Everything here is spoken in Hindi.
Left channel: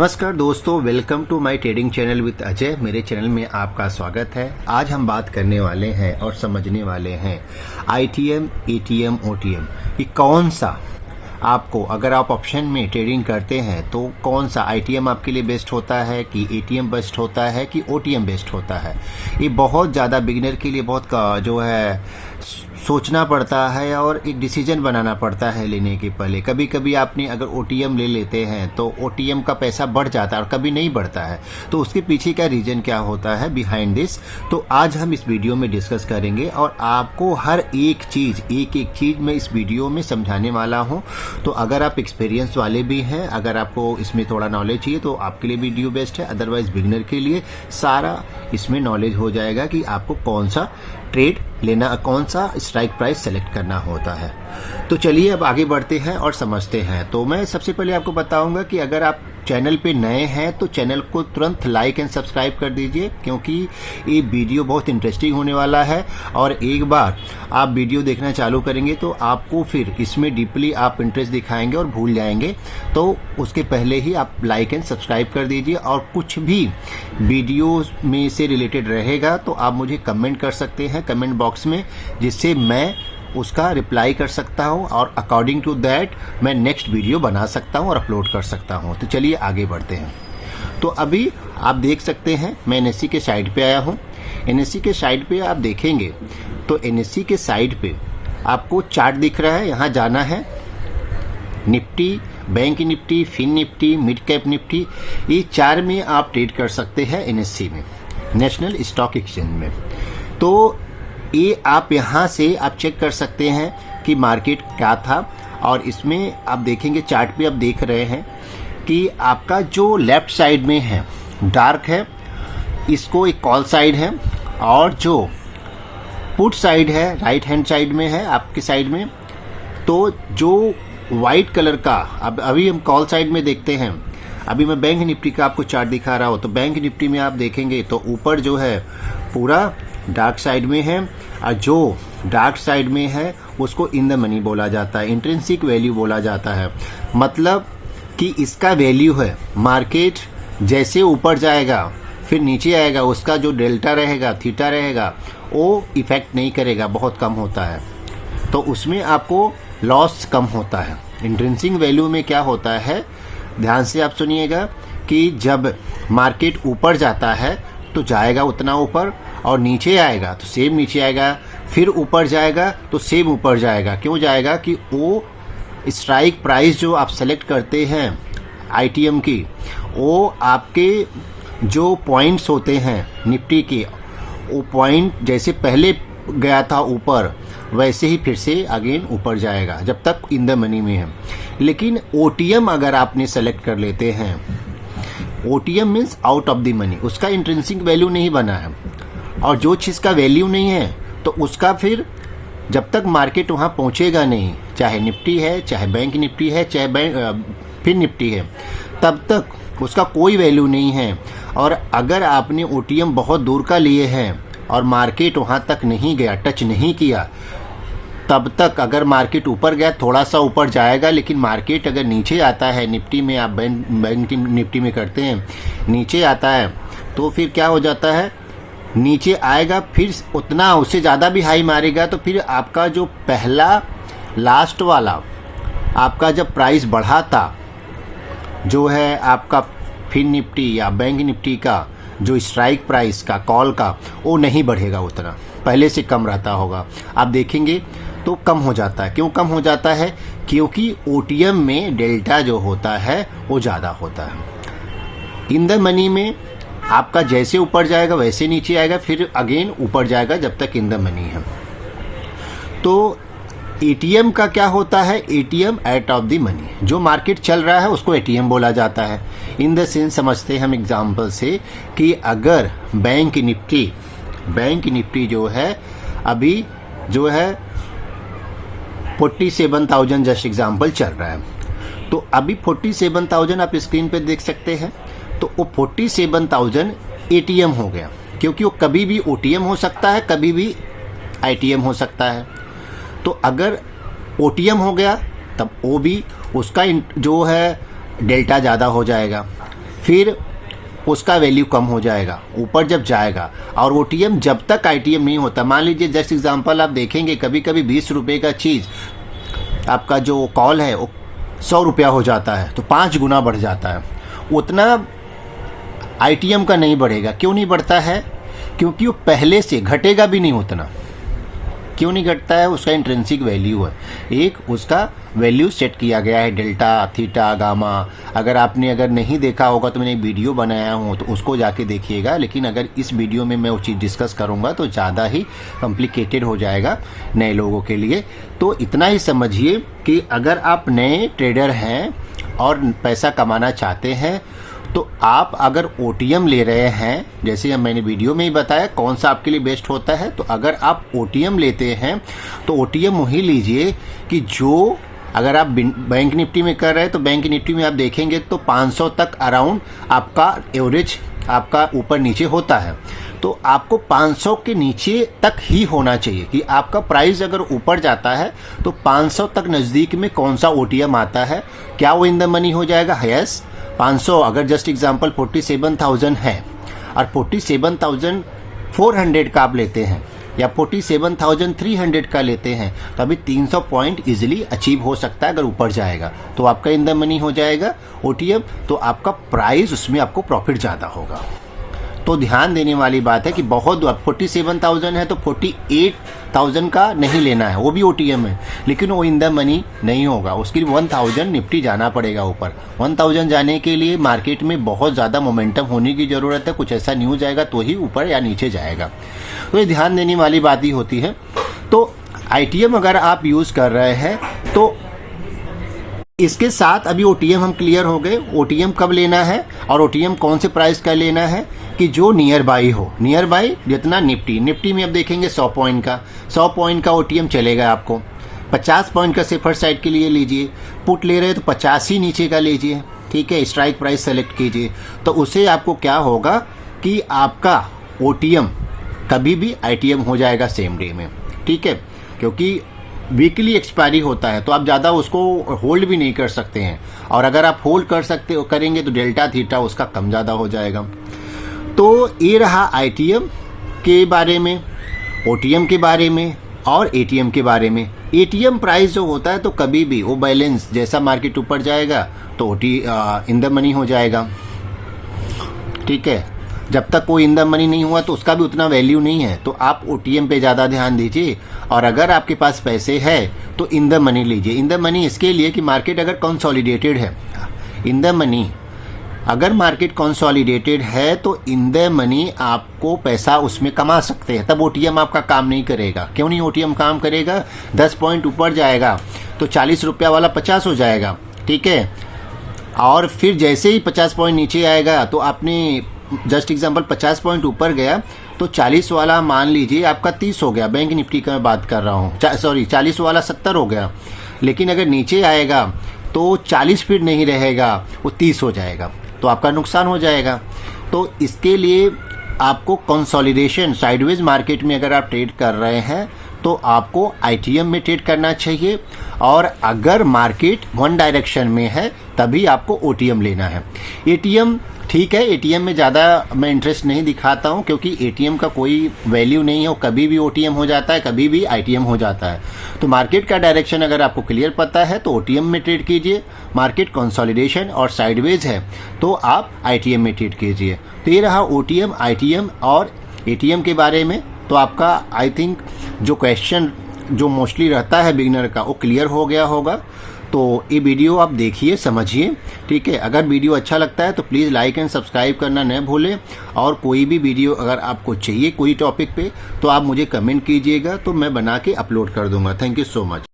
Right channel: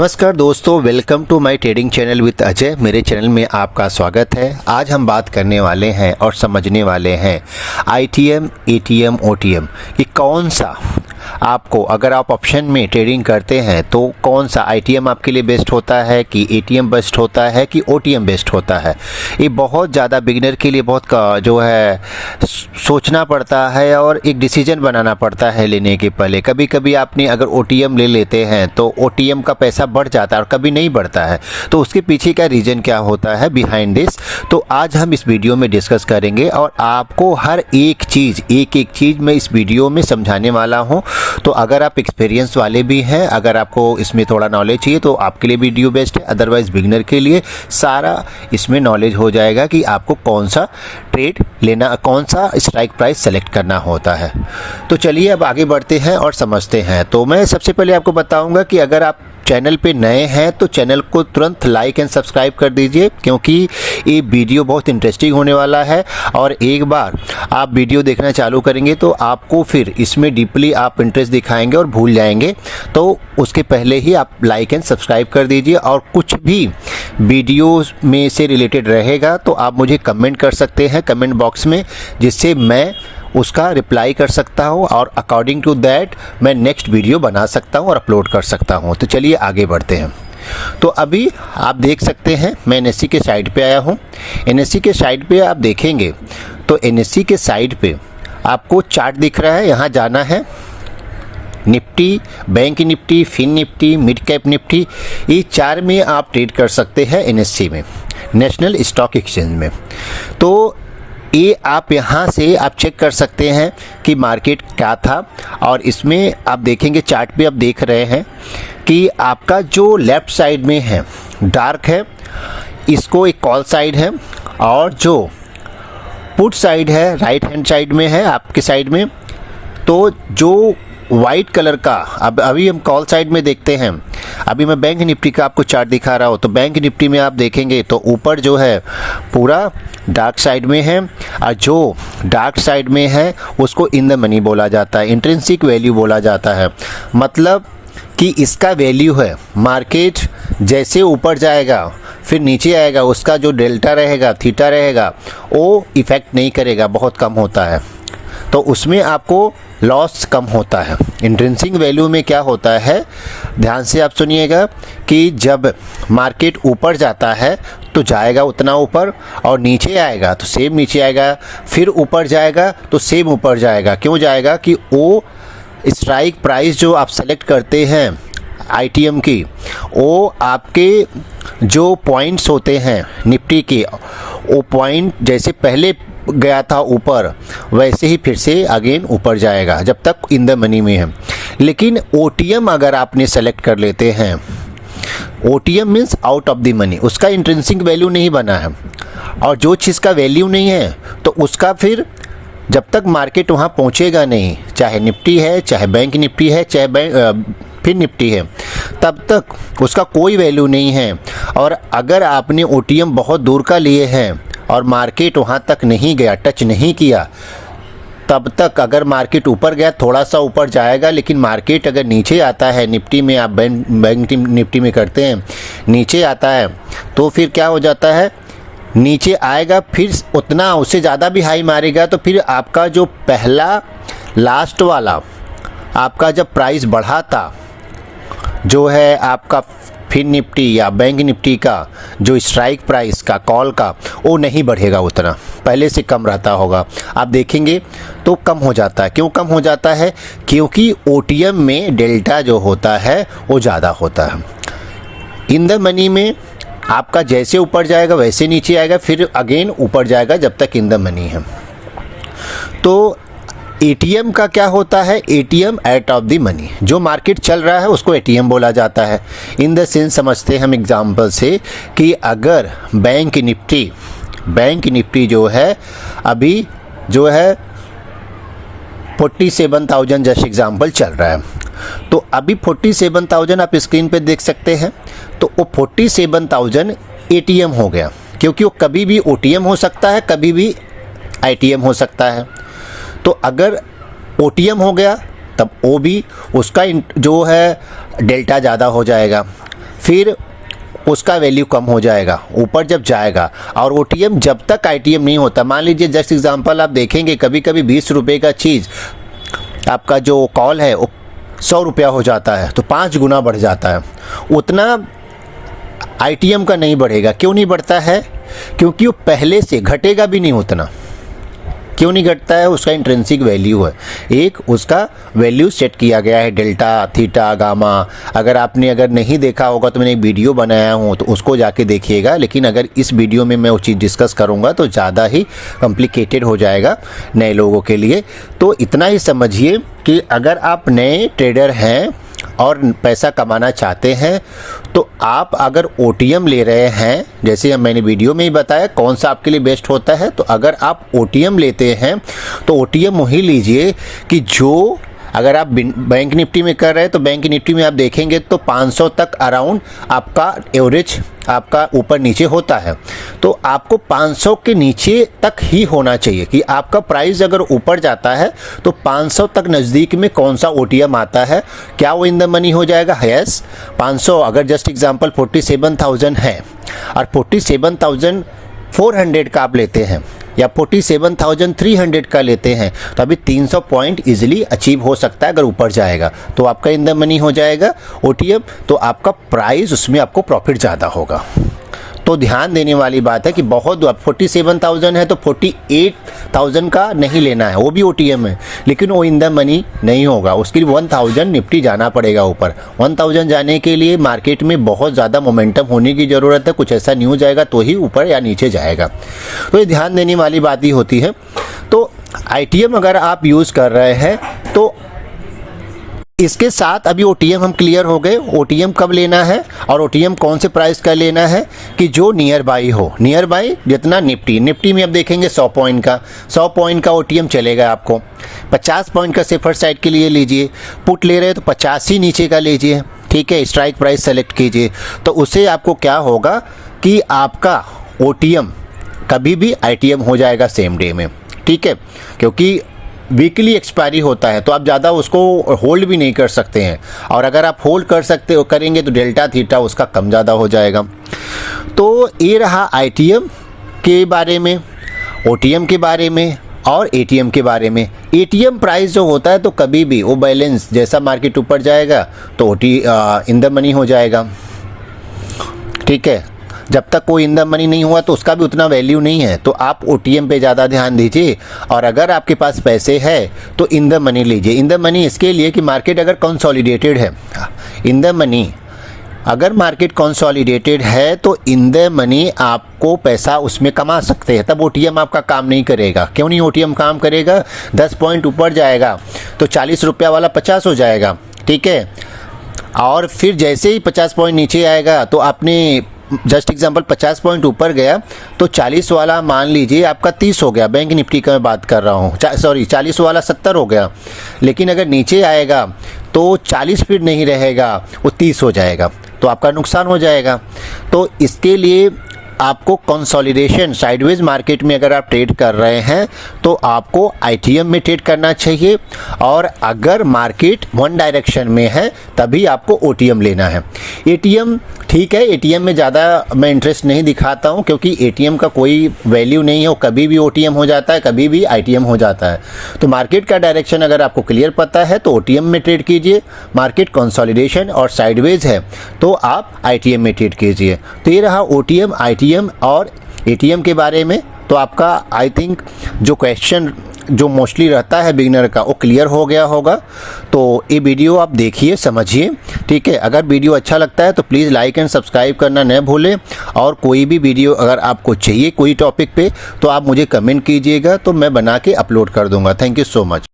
नमस्कार दोस्तों, welcome to my trading channel with Ajay. मेरे चैनल में आपका स्वागत है। आज हम बात करने वाले हैं और समझने वाले हैं आईटीएम, एटीएम, ओटीएम कि कौन सा आपको, अगर आप ऑप्शन में ट्रेडिंग करते हैं तो कौन सा आईटीएम आपके लिए बेस्ट होता है कि एटीएम बेस्ट होता है कि ओटीएम बेस्ट होता है। ये बहुत ज़्यादा बिगिनर के लिए बहुत जो है सोचना पड़ता है और एक डिसीजन बनाना पड़ता है लेने के पहले। कभी कभी आपने अगर ओटीएम ले लेते हैं तो ओटीएम का पैसा बढ़ जाता है और कभी नहीं बढ़ता है, तो उसके पीछे का रीज़न क्या होता है बिहाइंड दिस, तो आज हम इस वीडियो में डिस्कस करेंगे और आपको हर एक चीज़ मैं इस वीडियो में समझाने वाला हूँ। तो अगर आप एक्सपीरियंस वाले भी हैं, अगर आपको इसमें थोड़ा नॉलेज चाहिए तो आपके लिए वीडियो बेस्ट है, अदरवाइज बिगिनर के लिए सारा इसमें नॉलेज हो जाएगा कि आपको कौन सा ट्रेड लेना, कौन सा स्ट्राइक प्राइस सेलेक्ट करना होता है। तो चलिए अब आगे बढ़ते हैं और समझते हैं। तो मैं सबसे पहले आपको बताऊंगा कि अगर आप चैनल पे नए हैं तो चैनल को तुरंत लाइक एंड सब्सक्राइब कर दीजिए, क्योंकि ये वीडियो बहुत इंटरेस्टिंग होने वाला है। और एक बार आप वीडियो देखना चालू करेंगे तो आपको फिर इसमें डीपली आप इंटरेस्ट दिखाएंगे और भूल जाएंगे। तो उसके पहले ही आप लाइक एंड सब्सक्राइब कर दीजिए और कुछ भी वीडियो में से रिलेटेड रहेगा तो आप मुझे कमेंट कर सकते हैं कमेंट बॉक्स में, जिससे मैं उसका रिप्लाई कर सकता हूँ और अकॉर्डिंग टू दैट मैं नेक्स्ट वीडियो बना सकता हूँ और अपलोड कर सकता हूँ। तो चलिए आगे बढ़ते हैं। तो अभी आप देख सकते हैं मैं एनएससी के साइट पे आया हूँ। एनएससी के साइट पे आप देखेंगे तो एनएससी के साइट पे आपको चार्ट दिख रहा है। यहाँ जाना है, Nifty, bank Nifty, fin Nifty, mid cap Nifty, ये चार में आप ट्रेड कर सकते हैं एनएससी में, नेशनल स्टॉक एक्सचेंज में। तो ये आप यहाँ से आप चेक कर सकते हैं कि मार्केट क्या था। और इसमें आप देखेंगे चार्ट पे आप देख रहे हैं कि आपका जो लेफ़्ट साइड में है डार्क है, इसको एक कॉल साइड है, और जो पुट साइड है राइट हैंड साइड में है आपके साइड में, तो जो वाइट कलर का अभी हम कॉल साइड में देखते हैं। अभी मैं बैंक निफ्टी का आपको चार्ट दिखा रहा हूँ। तो बैंक निफ्टी में आप देखेंगे तो ऊपर जो है पूरा डार्क साइड में है, और जो डार्क साइड में है उसको इन द मनी बोला जाता है, इंट्रिंसिक वैल्यू बोला जाता है। मतलब कि इसका वैल्यू है, मार्केट जैसे ऊपर जाएगा फिर नीचे आएगा, उसका जो डेल्टा रहेगा, थीटा रहेगा, वो इफ़ेक्ट नहीं करेगा, बहुत कम होता है। तो उसमें आपको लॉस कम होता है। इंट्रिंसिक वैल्यू में क्या होता है, ध्यान से आप सुनिएगा कि जब मार्केट ऊपर जाता है तो जाएगा उतना ऊपर, और नीचे आएगा तो सेम नीचे आएगा, फिर ऊपर जाएगा तो सेम ऊपर जाएगा। क्यों जाएगा कि वो स्ट्राइक प्राइस जो आप सेलेक्ट करते हैं आईटीएम की, वो आपके जो पॉइंट्स होते हैं निफ्टी के, वो पॉइंट जैसे पहले गया था ऊपर वैसे ही फिर से अगेन ऊपर जाएगा जब तक इन द मनी में है। लेकिन ओटीएम अगर आपने सेलेक्ट कर लेते हैं, OTM means out of the money, उसका इंट्रिंसिक वैल्यू नहीं बना है, और जो चीज़ का वैल्यू नहीं है तो उसका फिर जब तक मार्केट वहाँ पहुँचेगा नहीं, चाहे निफ्टी है, चाहे बैंक निफ्टी है, चाहे फिर निफ्टी है, तब तक उसका कोई वैल्यू नहीं है। और अगर आपने ओटीएम बहुत दूर का लिए हैं और मार्केट वहाँ तक नहीं गया, टच नहीं किया, तब तक अगर मार्केट ऊपर गया थोड़ा सा ऊपर जाएगा, लेकिन मार्केट अगर नीचे आता है, निफ्टी में आप बैंक निफ्टी में करते हैं, नीचे आता है तो फिर क्या हो जाता है, नीचे आएगा फिर उतना उससे ज़्यादा भी हाई मारेगा, तो फिर आपका जो पहला लास्ट वाला आपका जब प्राइस बढ़ा था, जो है आपका फिन निफ्टी या बैंक निफ्टी का जो स्ट्राइक प्राइस का कॉल का, वो नहीं बढ़ेगा उतना, पहले से कम रहता होगा। आप देखेंगे तो कम हो जाता है। क्यों कम हो जाता है? क्योंकि ओटीएम में डेल्टा जो होता है वो ज़्यादा होता है। इन द मनी में आपका जैसे ऊपर जाएगा वैसे नीचे आएगा, फिर अगेन ऊपर जाएगा जब तक इन द मनी है। तो एटीएम का क्या होता है, ATM at of the money, जो मार्केट चल रहा है उसको एटीएम बोला जाता है। इन द सेंस समझते हैं हम एग्जांपल से कि अगर बैंक निफ्टी जो है अभी जो है 47,000 जैसे एग्जांपल चल रहा है, तो अभी 47,000 आप स्क्रीन पे देख सकते हैं। तो वो 47,000 एटीएम हो गया, क्योंकि वो कभी भी ओटीएम हो सकता है, कभी भी आईटीएम हो सकता है। तो अगर ओटीएम हो गया तब वो भी उसका जो है डेल्टा ज़्यादा हो जाएगा, फिर उसका वैल्यू कम हो जाएगा, ऊपर जब जाएगा। और ओटीएम जब तक आईटीएम नहीं होता, मान लीजिए जस्ट एग्जांपल आप देखेंगे कभी कभी 20 रुपये का चीज़ आपका जो कॉल है वो 100 रुपया हो जाता है, तो 5 गुना बढ़ जाता है। उतना आईटीएम का नहीं बढ़ेगा। क्यों नहीं बढ़ता है? क्योंकि वो पहले से घटेगा भी नहीं उतना। क्यों नहीं घटता है? उसका इंट्रिंसिक वैल्यू है, एक उसका वैल्यू सेट किया गया है, डेल्टा, थीटा, गामा। अगर नहीं देखा होगा तो मैंने एक वीडियो बनाया हूँ, तो उसको जाके देखिएगा। लेकिन अगर इस वीडियो में मैं वो चीज़ डिस्कस करूँगा तो ज़्यादा ही कॉम्प्लिकेटेड हो जाएगा नए लोगों के लिए। तो इतना ही समझिए कि अगर आप नए ट्रेडर हैं और पैसा कमाना चाहते हैं तो आप अगर ओटीएम ले रहे हैं, जैसे मैंने वीडियो में ही बताया कौन सा आपके लिए बेस्ट होता है, तो अगर आप ओटीएम लेते हैं तो ओटीएम वही लीजिए कि जो अगर आप बैंक निफ्टी में कर रहे हैं तो बैंक निफ्टी में आप देखेंगे तो 500 तक अराउंड आपका एवरेज आपका ऊपर नीचे होता है। तो आपको 500 के नीचे तक ही होना चाहिए कि आपका प्राइस अगर ऊपर जाता है तो 500 तक नज़दीक में कौन सा ओटीएम आता है, क्या वो इन द मनी हो जाएगा? यस, 500 अगर जस्ट एग्जांपल 47,000 है और 47,400 का आप लेते हैं या 47,300 का लेते हैं तो अभी 300 पॉइंट इजीली अचीव हो सकता है अगर ऊपर जाएगा, तो आपका इन द मनी हो जाएगा ओटीएम। तो आपका प्राइस उसमें आपको प्रॉफिट ज़्यादा होगा। तो ध्यान देने वाली बात है कि बहुत 47,000 है तो 48,000 का नहीं लेना है, वो भी ओटीएम है लेकिन वो इन द मनी नहीं होगा। उसके लिए 1000 निफ्टी जाना पड़ेगा ऊपर। 1000 जाने के लिए मार्केट में बहुत ज़्यादा मोमेंटम होने की ज़रूरत है, कुछ ऐसा न्यूज़ आएगा तो ही ऊपर या नीचे जाएगा। तो ये ध्यान देने वाली बात ही होती है। तो आईटीएम अगर आप यूज़ कर रहे हैं तो इसके साथ अभी ओटीएम हम क्लियर हो गए। ओटीएम कब लेना है और ओटीएम कौन से प्राइस का लेना है कि जो नियर बाई हो। नियर बाई जितना निफ्टी में आप देखेंगे 100 पॉइंट का ओटीएम चलेगा आपको। 50 पॉइंट का सेफर साइड के लिए लीजिए। पुट ले रहे हैं तो 50 ही नीचे का लीजिए, ठीक है। स्ट्राइक प्राइस सेलेक्ट कीजिए तो उससे आपको क्या होगा कि आपका ओटीएम कभी भी आईटीएम हो जाएगा सेम डे में, ठीक है। क्योंकि वीकली एक्सपायरी होता है तो आप ज़्यादा उसको होल्ड भी नहीं कर सकते हैं, और अगर आप होल्ड करेंगे तो डेल्टा थीटा उसका कम ज़्यादा हो जाएगा। तो ये रहा आईटीएम के बारे में, ओटीएम के बारे में और एटीएम के बारे में। एटीएम प्राइस जो होता है तो कभी भी वो बैलेंस जैसा मार्केट ऊपर जाएगा तो इन द मनी हो जाएगा, ठीक है। जब तक कोई इन द मनी नहीं हुआ तो उसका भी उतना वैल्यू नहीं है, तो आप ओटीएम पे ज़्यादा ध्यान दीजिए। और अगर आपके पास पैसे है तो इन द मनी लीजिए। इन द मनी इसके लिए कि मार्केट अगर कंसोलिडेटेड है, इन द मनी अगर मार्केट कंसोलिडेटेड है तो इन द मनी आपको पैसा उसमें कमा सकते हैं, तब ओटीएम आपका काम नहीं करेगा। क्यों नहीं ओटीएम काम करेगा? 10 पॉइंट ऊपर जाएगा तो 40 रुपया वाला 50 हो जाएगा, ठीक है। और फिर जैसे ही 50 पॉइंट नीचे आएगा तो आपने जस्ट एग्जांपल 50 पॉइंट ऊपर गया तो 40 वाला मान लीजिए आपका 30 हो गया। बैंक निफ्टी का मैं बात कर रहा हूँ, 40 वाला 70 हो गया। लेकिन अगर नीचे आएगा तो 40 फिर नहीं रहेगा, वो 30 हो जाएगा, तो आपका नुकसान हो जाएगा। तो इसके लिए आपको कंसोलिडेशन साइडवेज मार्केट में अगर आप ट्रेड कर रहे हैं तो आपको आईटीएम में ट्रेड करना चाहिए, और अगर मार्केट वन डायरेक्शन में है तभी आपको ओटीएम लेना है। एटीएम ठीक है, एटीएम में ज़्यादा मैं इंटरेस्ट नहीं दिखाता हूँ क्योंकि एटीएम का कोई वैल्यू नहीं है, वो कभी भी ओटीएम हो जाता है, कभी भी आईटीएम हो जाता है। तो मार्केट का डायरेक्शन अगर आपको क्लियर पता है तो ओटीएम में ट्रेड कीजिए। मार्केट कंसोलिडेशन और साइडवेज है तो आप आईटीएम में ट्रेड कीजिए। तो ये रहा ओटीएम, आईटीएम और एटीएम के बारे में। तो आपका आई थिंक जो क्वेश्चन जो मोस्टली रहता है बिगिनर का वो क्लियर हो गया होगा। तो ये वीडियो आप देखिए, समझिए, ठीक है। अगर वीडियो अच्छा लगता है तो प्लीज़ लाइक एंड सब्सक्राइब करना न भूलें, और कोई भी वीडियो अगर आपको चाहिए कोई टॉपिक पे तो आप मुझे कमेंट कीजिएगा तो मैं बना के अपलोड कर दूंगा। Thank you so much.